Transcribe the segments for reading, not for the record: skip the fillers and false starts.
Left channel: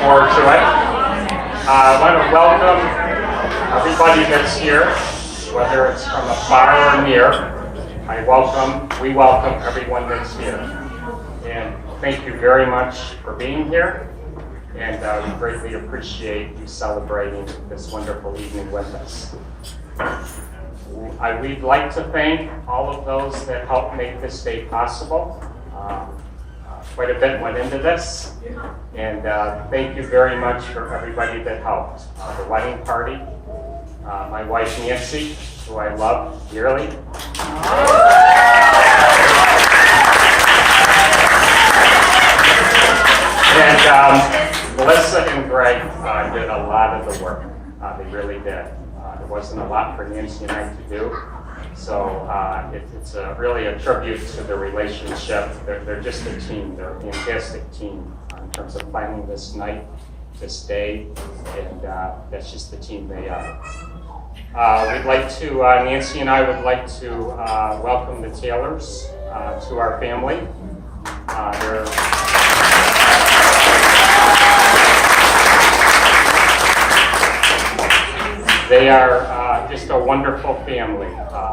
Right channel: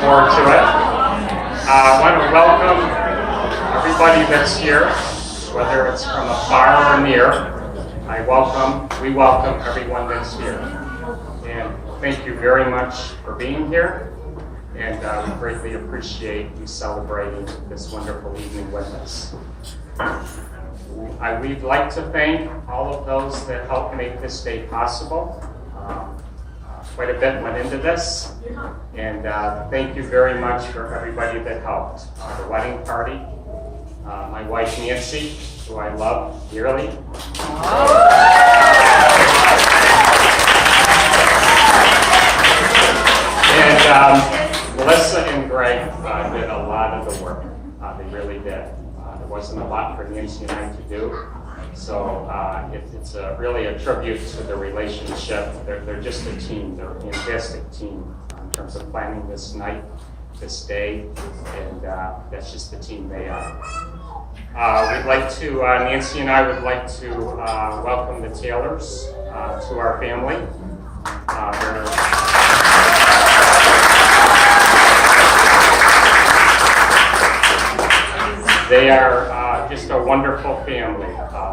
forward to it. I want to welcome everybody that's here, whether it's from afar or near. We welcome everyone that's here. And thank you very much for being here. And we greatly appreciate you celebrating this wonderful evening with us. We'd like to thank all of those that helped make this day possible. Quite a bit went into this, and thank you very much for everybody that helped. The wedding party, my wife Nancy, who I love dearly. And Melissa and Greg did a lot of the work. They really did. There wasn't a lot for Nancy and I to do. So it's really a tribute to the relationship. They're just a team. They're a fantastic team in terms of planning this night, this day, and that's just the team they are. Nancy and I would like to welcome the Taylors to our family. They are just a wonderful family.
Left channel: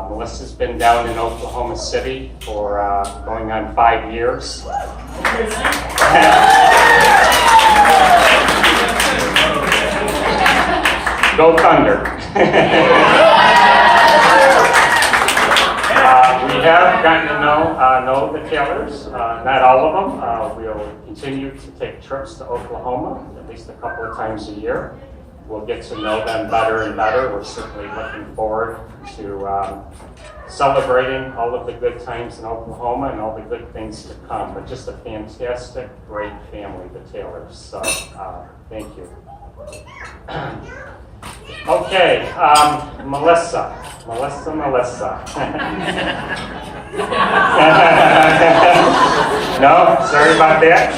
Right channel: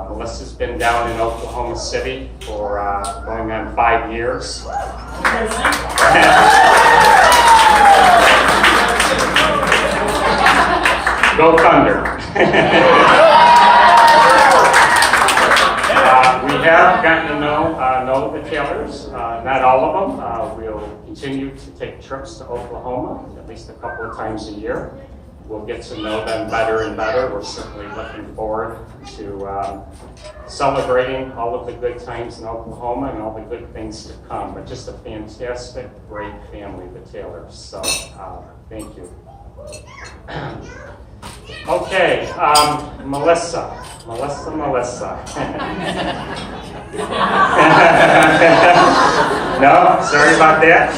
Melissa's been down in Oklahoma City for going on 5 years. Go Thunder. We have gotten to know the Taylors, not all of them. We'll continue to take trips to Oklahoma at least a couple of times a year. We'll get to know them better and better. We're certainly looking forward to celebrating all of the good times in Oklahoma and all the good things to come. But just a fantastic, great family, the Taylors. So thank you. Okay, Melissa. No, sorry about that.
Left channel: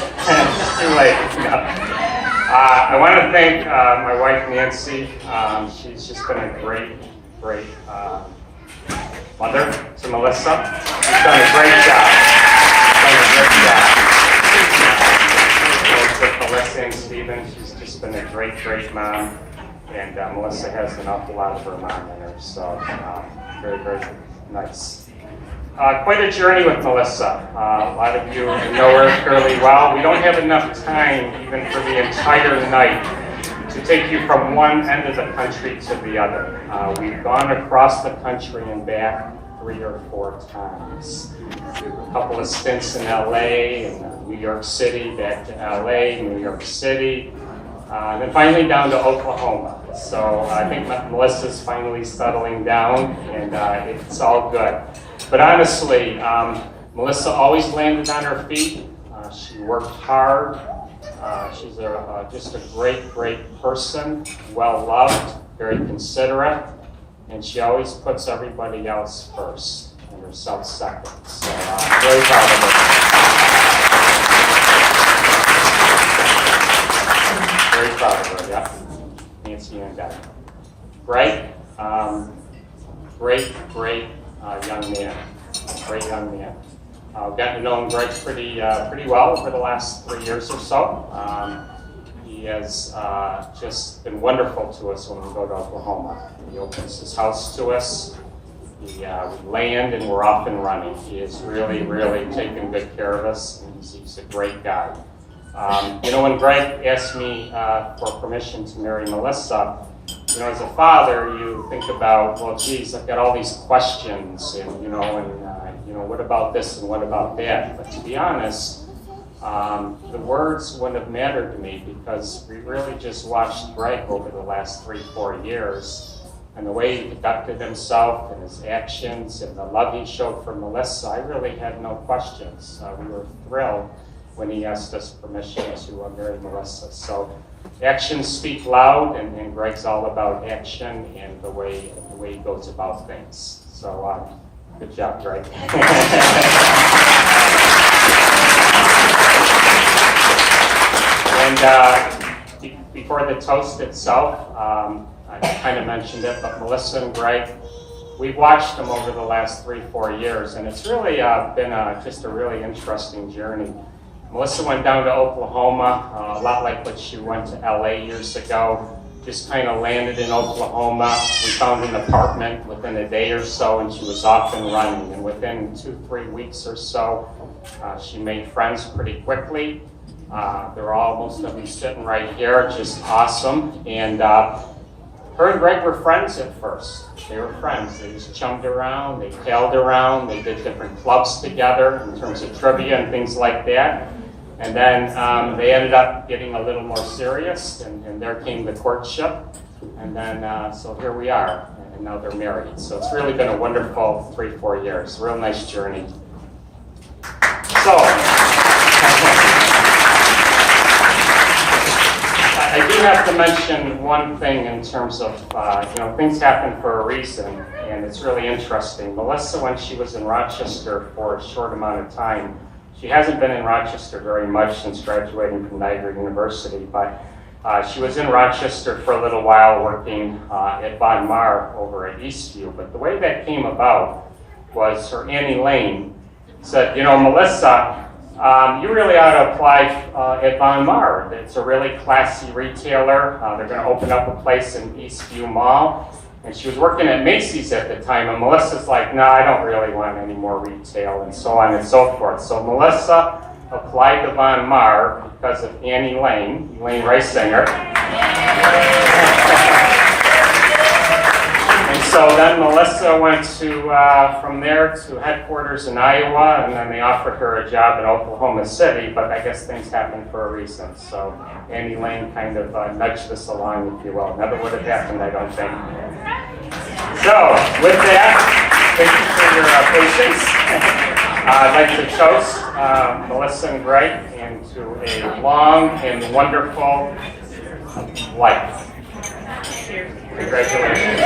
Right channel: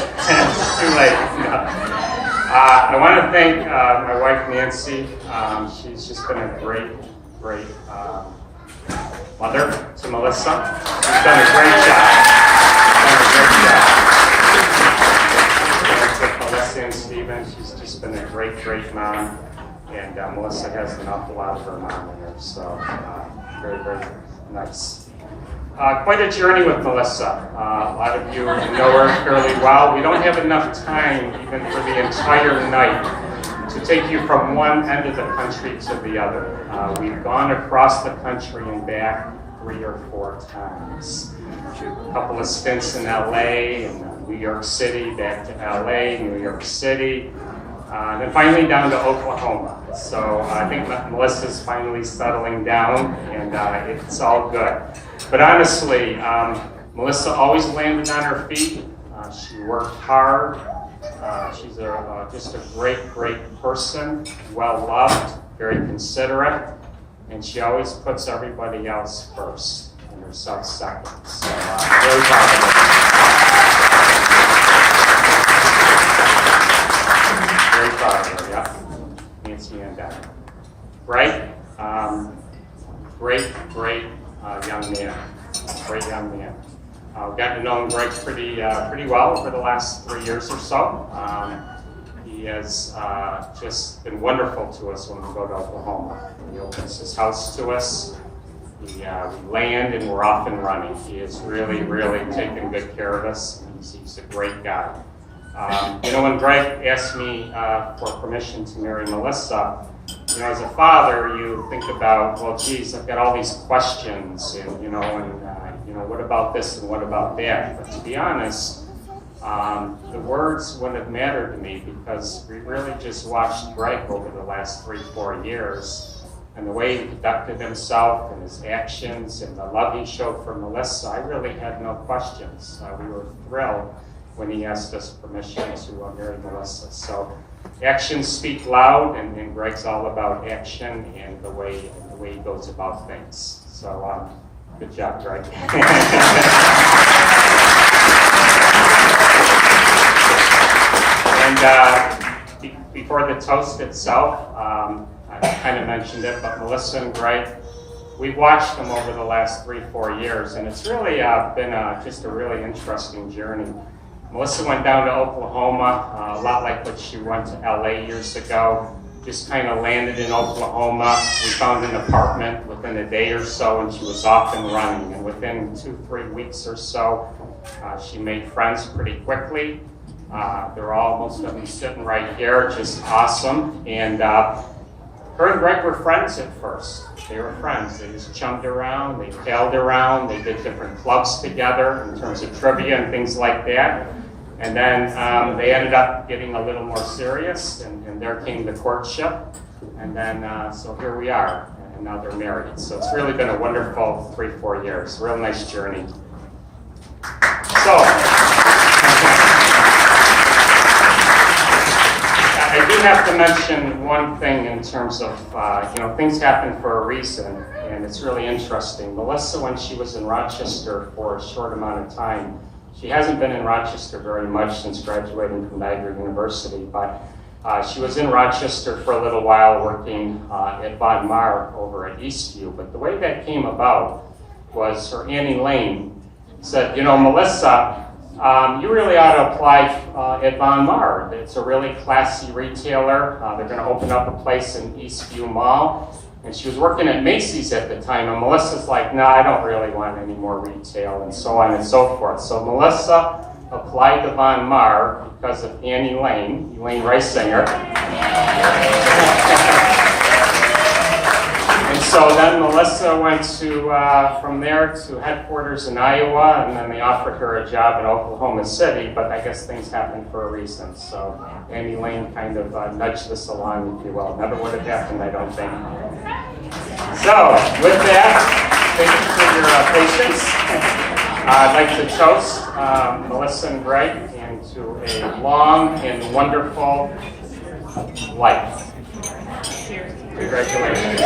Too late. No. I want to thank my wife Nancy. She's just been a great mother to Melissa. She's done a great job. With Melissa and Stephen, she's just been a great mom. And Melissa has an awful lot of her mom in her, so very nice. Quite a journey with Melissa. A lot of you know her fairly well. We don't have enough time even for the entire night to take you from one end of the country to the other. We've gone across the country and back 3 or 4 times. A couple of stints in LA and New York City, back to LA, New York City, then finally down to Oklahoma. So I think Melissa's finally settling down, and it's all good. But honestly, Melissa always landed on her feet. She worked hard. She's just a great person, well-loved, very considerate, and she always puts everybody else first and herself second. So very proud of her. Very proud of her, yeah. Nancy and Dad. Right? Great young man. Great young man. Gotten to know him Greg pretty well over the last 3 years or so. He has just been wonderful to us when we go to Oklahoma. He opens his house to us. We land and we're off and running. He has really taken good care of us. He's a great guy. When Greg asked me for permission to marry Melissa, as a father, you think about, well, geez, I've got all these questions, and what about this and what about that? But to be honest, the words wouldn't have mattered to me because we really just watched Greg over the last 3-4 years, and the way he conducted himself and his actions and the love he showed for Melissa. I really had no questions. We were thrilled when he asked us permission to marry Melissa. So actions speak loud, and Greg's all about action and the way he goes about things. So good job, Greg. And before the toast itself, I kind of mentioned it, but Melissa and Greg, we've watched them over the last 3-4 years, and it's really been just a really interesting journey. Melissa went down to Oklahoma, a lot like what she went to LA years ago. Just kind of landed in Oklahoma. We found an apartment within a day or so, and she was off and running. And within 2-3 weeks or so, she made friends pretty quickly. They're all, most of them sitting right here, just awesome. And her and Greg were friends at first. They were friends. They just chummed around, they tailed around, they did different clubs together in terms of trivia and things like that. And then they ended up getting a little more serious, and there came the courtship. And then, so here we are, and now they're married. So it's really been a wonderful 3-4 years. Real nice journey. So, I do have to mention one thing in terms of, things happen for a reason, and it's really interesting. Melissa, when she was in Rochester for a short amount of time, she hasn't been in Rochester very much since graduating from Niagara University, but she was in Rochester for a little while working at Von Maur over at Eastview. But the way that came about was her Annie Lane said, Melissa, you really ought to apply at Von Maur. It's a really classy retailer. They're going to open up a place in Eastview Mall. And she was working at Macy's at the time, and Melissa's like, no, I don't really want any more retail, and so on and so forth. So Melissa applied to Von Maur because of Annie Lane, Elaine Reisinger. And so then Melissa went to, from there to headquarters in Iowa, and then they offered her a job in Oklahoma City, but I guess things happened for a reason. So Annie Lane kind of nudged this along, if you will. Never would have happened, I don't think. So, with that, thank you for your patience. I'd like to toast Melissa and Greg into a long and wonderful life. Congratulations.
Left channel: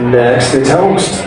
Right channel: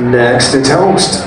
Next, a toast.